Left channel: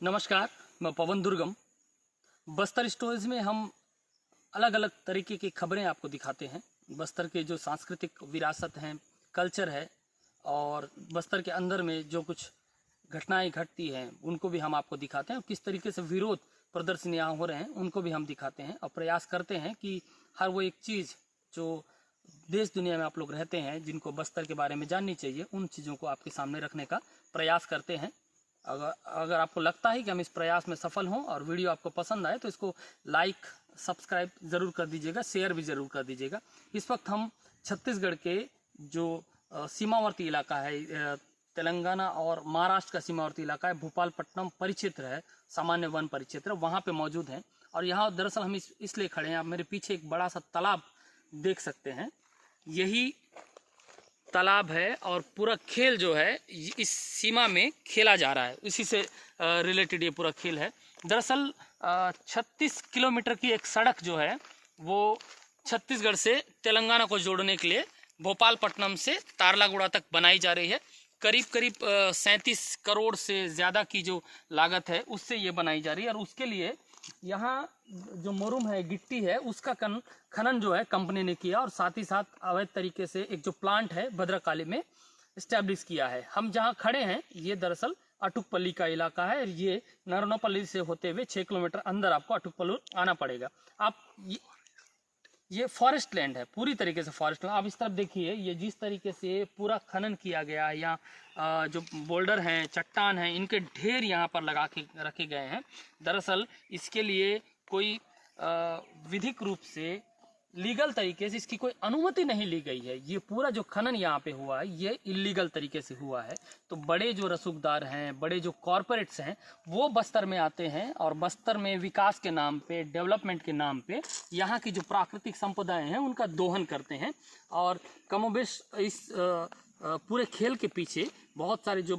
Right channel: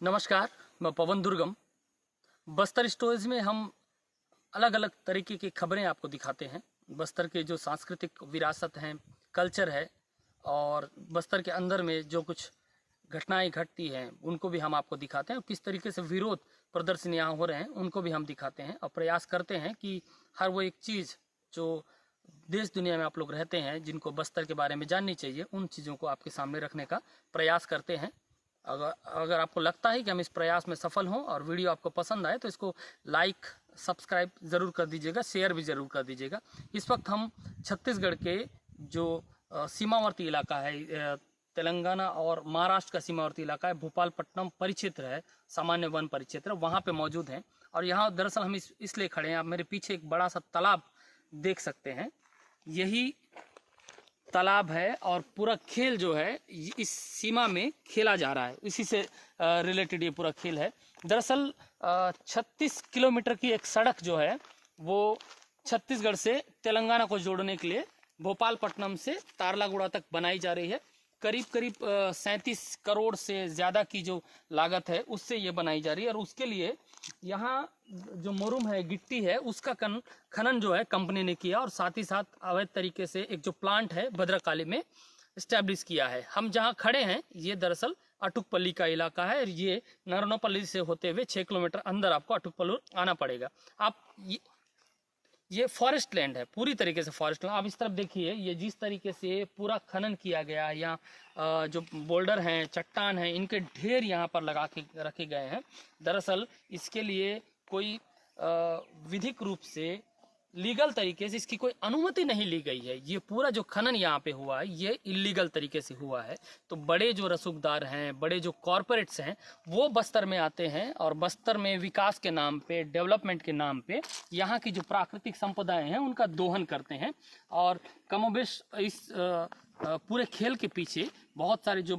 नमस्कार, मैं पवन दुर्गम। बस्तर स्टोरीज में हम अलग अलग तरीके की खबरें आपको दिखाते हैं। बस्तर के जो सांस्कृतिक विरासत हैं, कल्चर है, और बस्तर के अंदर में जो कुछ घटनाएं घटती हैं उनको भी हम आपको दिखाते हैं, और किस तरीके से विरोध प्रदर्शन यहाँ हो रहे हैं उनको भी हम दिखाते हैं, और प्रयास करते हैं कि हर वो एक चीज़ जो देश दुनिया में आप लोग रहते हैं जिनको बस्तर के बारे में जाननी चाहिए, उन चीज़ों को आपके सामने रखने का प्रयास करते हैं। अगर आपको लगता है कि हम इस प्रयास में सफल हों और वीडियो आपको पसंद आए तो इसको लाइक सब्सक्राइब ज़रूर कर दीजिएगा, शेयर भी ज़रूर कर दीजिएगा। इस वक्त हम छत्तीसगढ़ के जो सीमावर्ती इलाका है, तेलंगाना और महाराष्ट्र का सीमावर्ती इलाका है, भोपालपट्टनम परिक्षेत्र है, सामान्य वन परिक्षेत्र, वहाँ पे मौजूद हैं। और यहाँ दरअसल हम इसलिए खड़े हैं, आप मेरे पीछे एक बड़ा सा तालाब देख सकते हैं, यही तालाब है और पूरा खेल जो है इस सीमा में खेला जा रहा है, इसी से रिलेटेड ये पूरा खेल है। दरअसल 36 किलोमीटर की एक सड़क जो है वो छत्तीसगढ़ से तेलंगाना को जोड़ने के लिए भोपालपट्टनम से तारलागुड़ा तक बनाई जा रही है। करीब 37 करोड़ से ज़्यादा की जो लागत है उससे ये बनाई जा रही है, और उसके लिए यहाँ जो मुरुम है, गिट्टी है, उसका खनन जो है कंपनी ने किया, और साथ ही साथ अवैध तरीके से एक जो प्लांट है भद्रकाली में इस्टेब्लिश किया है। हम जहाँ खड़े हैं ये दरअसल अटुकपल्ली का इलाका है, और ये नरनौपल्ली से होते हुए 6 किलोमीटर अंदर आपको अटुकपल्ली आना पड़ेगा। आप ये फॉरेस्ट लैंड है, पूरी तरीके से फॉरेस्ट लैंड। आप इस तरफ देखिए, ये जिस तरीके से पूरा खनन किया गया है, यहाँ जो बोल्डर हैं, चट्टान हैं, इनके ढेर यहाँ पर लगा के रखे गए हैं। दरअसल इसके लिए कोई विधिक रूप से, लीगल तरीके से इसकी कोई अनुमति नहीं ली गई है। ये पूरा जो खनन यहाँ पे हुआ है ये इलीगल तरीके से हुआ है। तो बड़े जो रसूखदार हैं, बड़े जो कॉरपोरेट्स हैं, वो बस्तर में आते हैं और बस्तर में विकास के नाम पे, डेवलपमेंट के नाम पे यहाँ की जो प्राकृतिक संपदाएं हैं उनका दोहन करते हैं। और कमोबेश इस पूरे खेल के पीछे बहुत सारे जो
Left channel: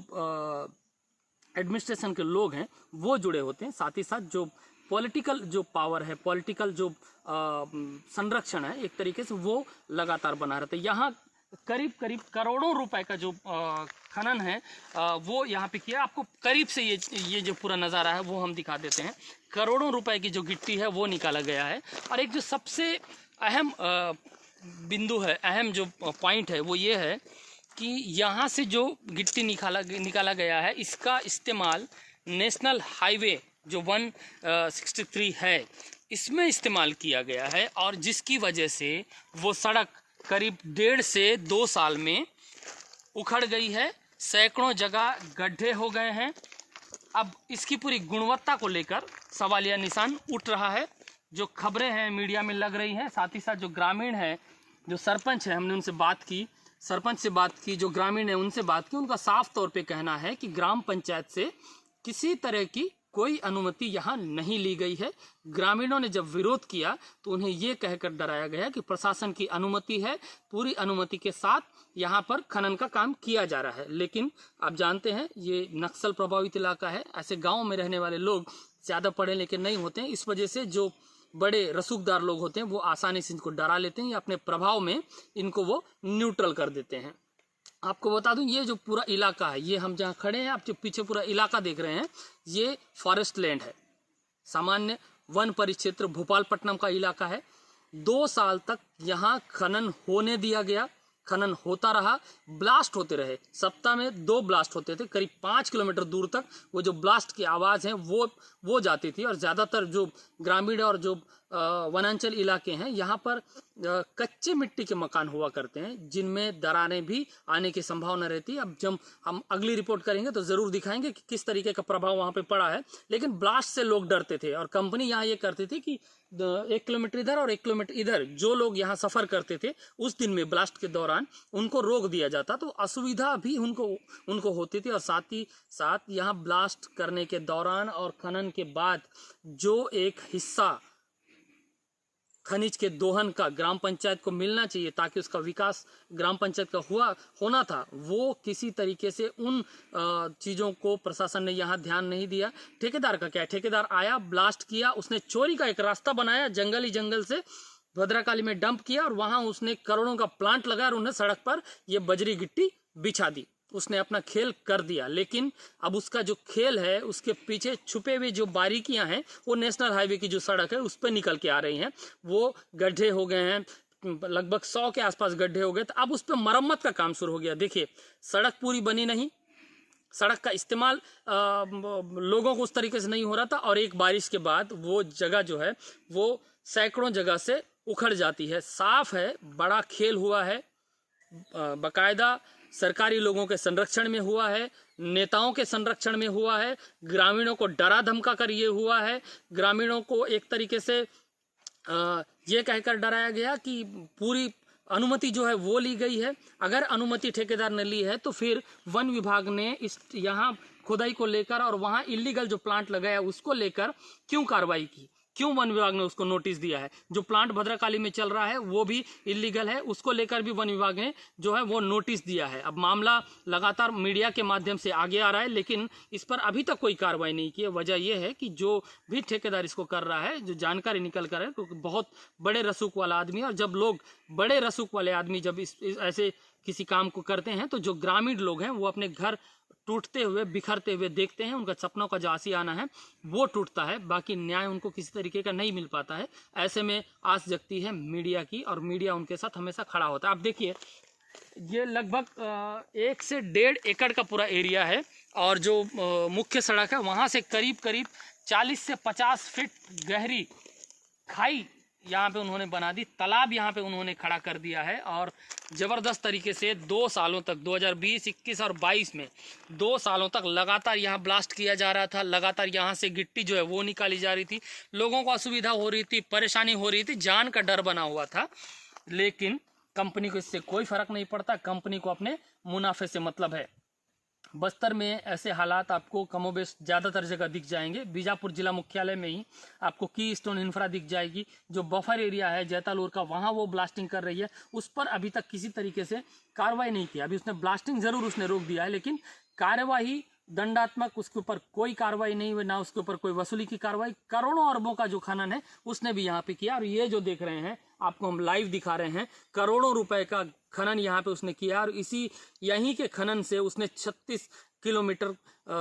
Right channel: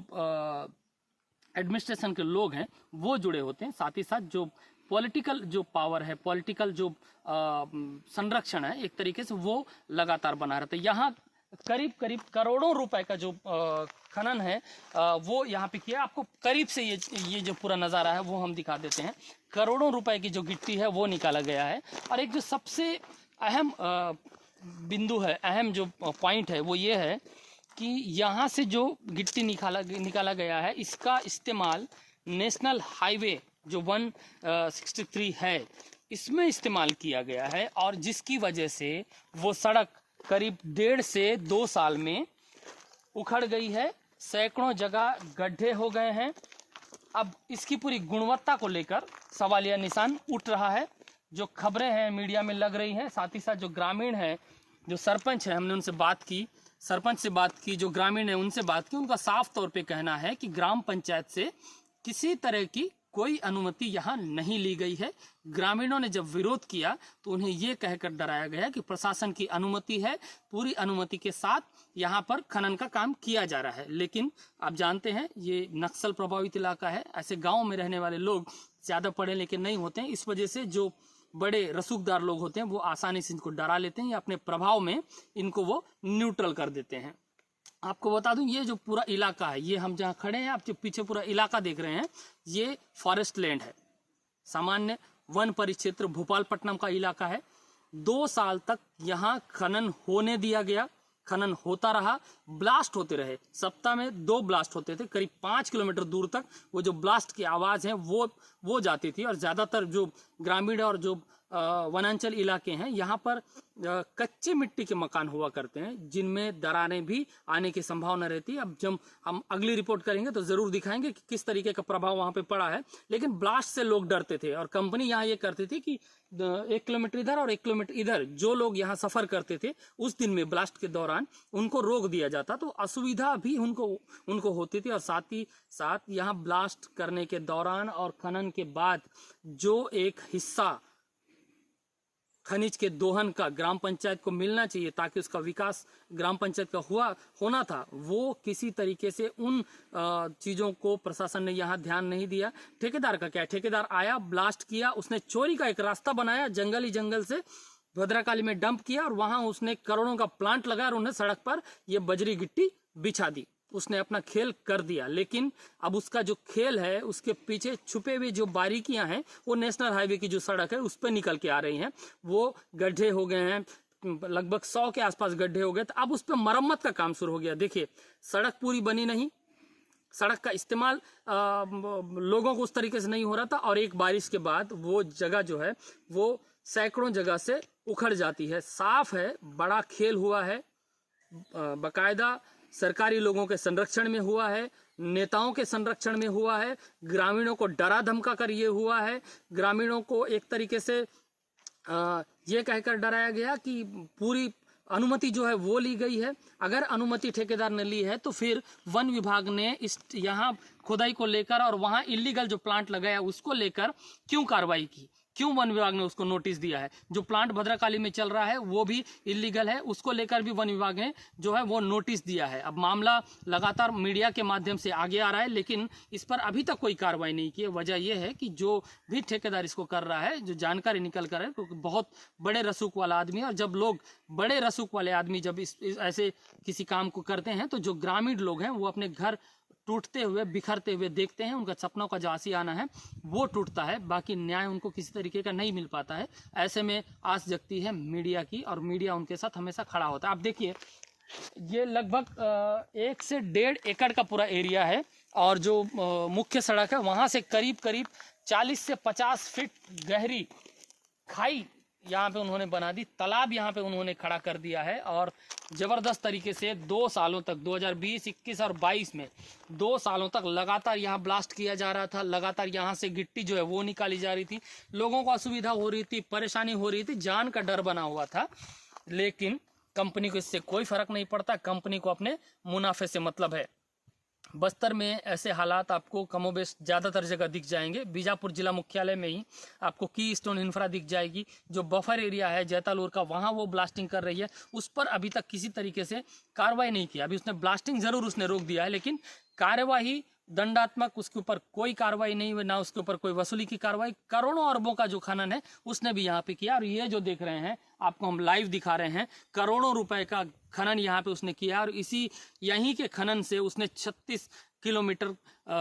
एडमिनिस्ट्रेशन के लोग हैं वो जुड़े होते हैं। साथ ही साथ जो पॉलिटिकल जो पावर है, पॉलिटिकल जो संरक्षण है, एक तरीके से वो लगातार बना रहता है। यहाँ करीब करोड़ों रुपए का जो खनन है वो यहाँ पे किया। आपको करीब से ये जो पूरा नज़ारा है वो हम दिखा देते हैं। करोड़ों रुपए की जो गिट्टी है वो निकाला गया है। और एक जो सबसे अहम बिंदु है, अहम जो पॉइंट है वो ये है कि यहाँ से जो गिट्टी निकाला गया है, इसका इस्तेमाल नेशनल हाईवे जो 163 है इसमें इस्तेमाल किया गया है, और जिसकी वजह से वो सड़क करीब 1.5 से 2 साल में उखड़ गई है। सैकड़ों जगह गड्ढे हो गए हैं। अब इसकी पूरी गुणवत्ता को लेकर सवालिया निशान उठ रहा है। जो खबरें हैं मीडिया में लग रही हैं, साथ ही साथ जो ग्रामीण है, जो सरपंच है, हमने उनसे बात की, सरपंच से बात की, जो ग्रामीण है उनसे बात की, उनका साफ तौर पे कहना है कि ग्राम पंचायत से किसी तरह की कोई अनुमति यहाँ नहीं ली गई है। ग्रामीणों ने जब विरोध किया तो उन्हें ये कहकर डराया गया कि प्रशासन की अनुमति है, पूरी अनुमति के साथ यहाँ पर खनन का काम किया जा रहा है। लेकिन आप जानते हैं ये नक्सल प्रभावित इलाका है, ऐसे गाँव में रहने वाले लोग ज़्यादा पढ़े लिखे नहीं होते हैं। इस वजह से जो बड़े रसूखदार लोग होते हैं वो आसानी से इनको डरा लेते हैं या अपने प्रभाव में इनको वो न्यूट्रल कर देते हैं। आपको बता दूं, ये जो पूरा इलाका है, ये हम जहाँ खड़े हैं, आप जो पीछे पूरा इलाका देख रहे हैं, ये फॉरेस्ट लैंड है, सामान्य वन परिक्षेत्र भोपालपट्टनम का इलाका है। 2 साल तक यहाँ खनन होने दिया गया, खनन होता रहा, ब्लास्ट होते रहे। सप्ताह में 2 ब्लास्ट होते थे, करीब 5 किलोमीटर दूर तक वो जो ब्लास्ट की आवाज़ है वो जाती थी। और ज़्यादातर जो ग्रामीण और जो वनांचल इलाके हैं, यहाँ पर कच्चे मिट्टी के मकान हुआ करते हैं जिनमें दरारें भी आने की संभावना रहती है। अब जब हम अगली रिपोर्ट करेंगे तो ज़रूर दिखाएंगे कि किस तरीके का प्रभाव वहाँ पे पड़ा है। लेकिन ब्लास्ट से लोग डरते थे, और कंपनी यहाँ ये करती थी कि 1 किलोमीटर इधर और 1 किलोमीटर इधर जो लोग यहाँ सफ़र करते थे उस दिन में ब्लास्ट के दौरान उनको रोक दिया जाता, तो असुविधा भी उनको होती थी। और साथ ही साथ यहाँ ब्लास्ट करने के दौरान और खनन के बाद जो एक हिस्सा खनिज के दोहन का ग्राम पंचायत को मिलना चाहिए ताकि उसका विकास ग्राम पंचायत का होना था, वो किसी तरीके से उन चीज़ों को प्रशासन ने यहाँ ध्यान नहीं दिया। ठेकेदार का क्या है, ठेकेदार आया, ब्लास्ट किया, उसने चोरी का एक रास्ता बनाया, जंगल से भद्रकाली में डंप किया, और वहाँ उसने करोड़ों का प्लांट लगाया और उन्हें सड़क पर ये बजरी गिट्टी बिछा दी। उसने अपना खेल कर दिया, लेकिन अब उसका जो खेल है उसके पीछे छुपे हुए जो बारीकियां हैं वो नेशनल हाईवे की जो सड़क है उस पर निकल के आ रही हैं। वो गड्ढे हो गए हैं, लगभग 100 के आसपास गड्ढे हो गए, तो अब उस पर मरम्मत का काम शुरू हो गया। देखिए सड़क पूरी बनी नहीं, सड़क का इस्तेमाल लोगों को उस तरीके से नहीं हो रहा था, और एक बारिश के बाद वो जगह जो है वो सैकड़ों जगह से उखड़ जाती है। साफ है बड़ा खेल हुआ है, बाकायदा सरकारी लोगों के संरक्षण में हुआ है, नेताओं के संरक्षण में हुआ है, ग्रामीणों को डरा धमका कर ये हुआ है। ग्रामीणों को एक तरीके से ये कहकर डराया गया कि पूरी अनुमति जो है वो ली गई है। अगर अनुमति ठेकेदार ने ली है तो फिर वन विभाग ने इस यहाँ खुदाई को लेकर और वहाँ इलीगल जो प्लांट लगाया उसको लेकर क्यों कार्रवाई की, क्यों वन विभाग ने उसको नोटिस दिया है। जो प्लांट भद्रकाली में चल रहा है वो भी इलीगल है, उसको लेकर भी वन विभाग ने जो है वो नोटिस दिया है। अब मामला लगातार मीडिया के माध्यम से आगे आ रहा है, लेकिन इस पर अभी तक कोई कार्रवाई नहीं की है। वजह यह है कि जो भी ठेकेदार इसको कर रहा है, जो जानकारी निकल कर है, क्योंकि बहुत बड़े रसूख वाला आदमी है, और जब लोग बड़े रसूख वाले आदमी जब इस ऐसे किसी काम को करते हैं तो जो ग्रामीण लोग हैं वो अपने घर टूटते हुए बिखरते हुए देखते हैं, उनका सपनों का जो आशियाना है वो टूटता है, बाकी न्याय उनको किसी तरीके का नहीं मिल पाता है। ऐसे में आस जगती है मीडिया की, और मीडिया उनके साथ हमेशा खड़ा होता है। आप देखिए ये लगभग 1 से 1.5 एकड़ का पूरा एरिया है, और जो मुख्य सड़क है वहाँ से करीब करीब 40 से 50 फीट गहरी खाई यहाँ पे उन्होंने बना दी, तालाब यहाँ पे उन्होंने खड़ा कर दिया है। और ज़बरदस्त तरीके से 2 सालों तक 2020, 21 और 22 में 2 सालों तक लगातार यहाँ ब्लास्ट किया जा रहा था। लगातार यहाँ से गिट्टी जो है वो निकाली जा रही थी, लोगों को असुविधा हो रही थी, परेशानी हो रही थी, जान का डर बना हुआ था। लेकिन कंपनी को इससे कोई फ़र्क नहीं पड़ता, कंपनी को अपने मुनाफे से मतलब है। बस्तर में ऐसे हालात आपको कमोबेश ज़्यादातर जगह दिख जाएंगे। बीजापुर जिला मुख्यालय में ही आपको की स्टोन इंफ्रा दिख जाएगी। जो बफर एरिया है जैतालूर का, वहाँ वो ब्लास्टिंग कर रही है, उस पर अभी तक किसी तरीके से कार्रवाई नहीं की। अभी उसने ब्लास्टिंग ज़रूर उसने रोक दिया है, लेकिन कार्यवाही दंडात्मक उसके ऊपर कोई कार्रवाई नहीं हुई, ना उसके ऊपर कोई वसूली की कार्रवाई। करोड़ों अरबों का जो खनन है उसने भी यहाँ पे किया, और ये जो देख रहे हैं आपको हम लाइव दिखा रहे हैं, करोड़ों रुपए का खनन यहाँ पे उसने किया। और यहीं के खनन से उसने 36 किलोमीटर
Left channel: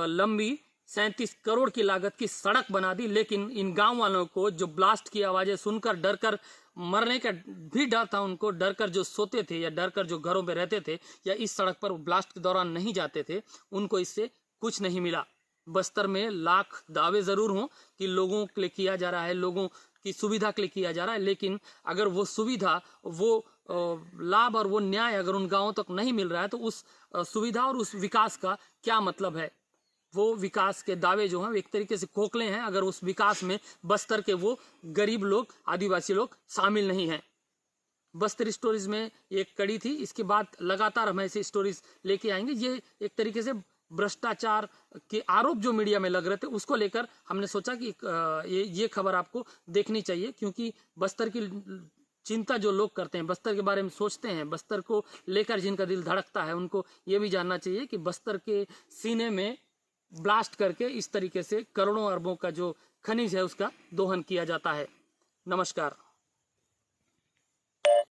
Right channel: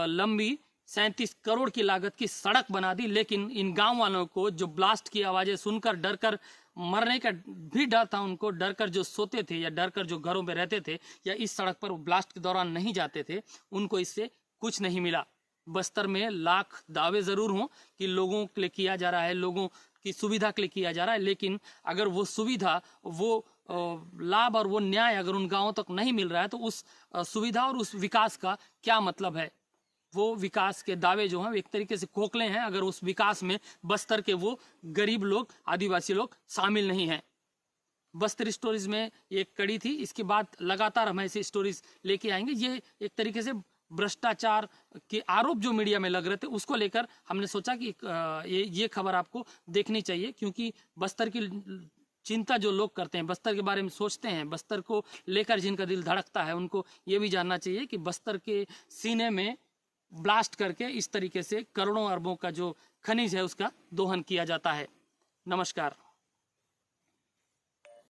लंबी 37 करोड़ की लागत की सड़क बना दी। लेकिन इन गांव वालों को जो ब्लास्ट की आवाज़ें सुनकर डरकर मरने का भी डर था, उनको डर कर जो सोते थे या डर कर जो घरों में रहते थे या इस सड़क पर ब्लास्ट के दौरान नहीं जाते थे, उनको इससे कुछ नहीं मिला। बस्तर में लाख दावे ज़रूर हों कि लोगों के लिए किया जा रहा है, लोगों की सुविधा के लिए किया जा रहा है, लेकिन अगर वो सुविधा, वो लाभ और वो न्याय अगर उन गांवों तक नहीं मिल रहा है तो उस सुविधा और उस विकास का क्या मतलब है। वो विकास के दावे जो हैं एक तरीके से खोखले हैं, अगर उस विकास में बस्तर के वो गरीब लोग, आदिवासी लोग शामिल नहीं हैं। बस्तर स्टोरीज में एक कड़ी थी, इसके बाद लगातार हम ऐसी स्टोरीज लेके आएंगे। ये एक तरीके से भ्रष्टाचार के आरोप जो मीडिया में लग रहे थे उसको लेकर हमने सोचा कि ये खबर आपको देखनी चाहिए, क्योंकि बस्तर की चिंता जो लोग करते हैं, बस्तर के बारे में सोचते हैं, बस्तर को लेकर जिनका दिल धड़कता है, उनको ये भी जानना चाहिए कि बस्तर के सीने में ब्लास्ट करके इस तरीके से करोड़ों अरबों का जो खनिज है उसका दोहन किया जाता है। नमस्कार।